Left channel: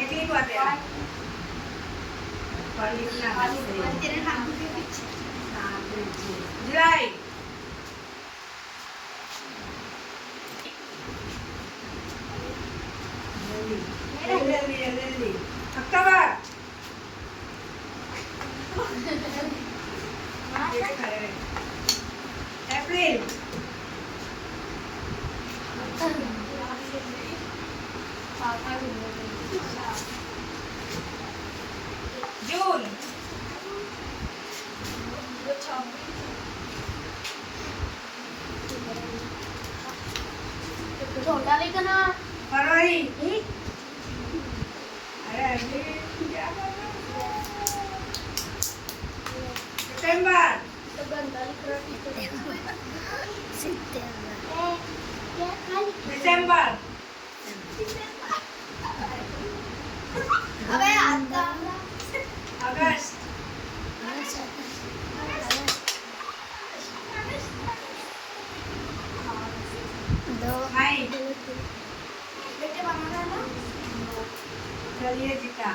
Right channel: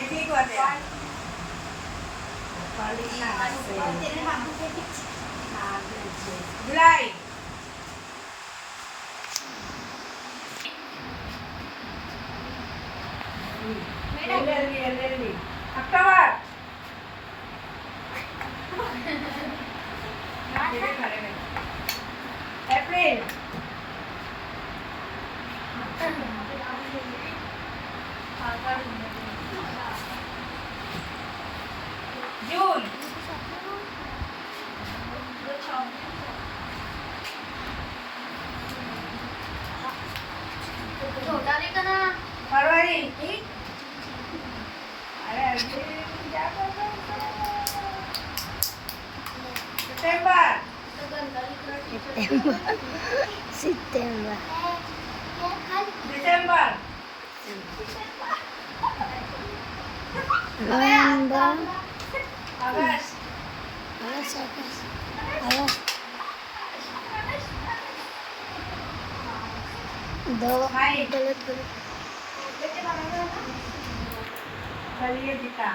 एक बात है जुलाई अक्टूबर अप्रैल जून फरवरी अरे सितंबर दिसंबर अगस्त मई चलिए जीता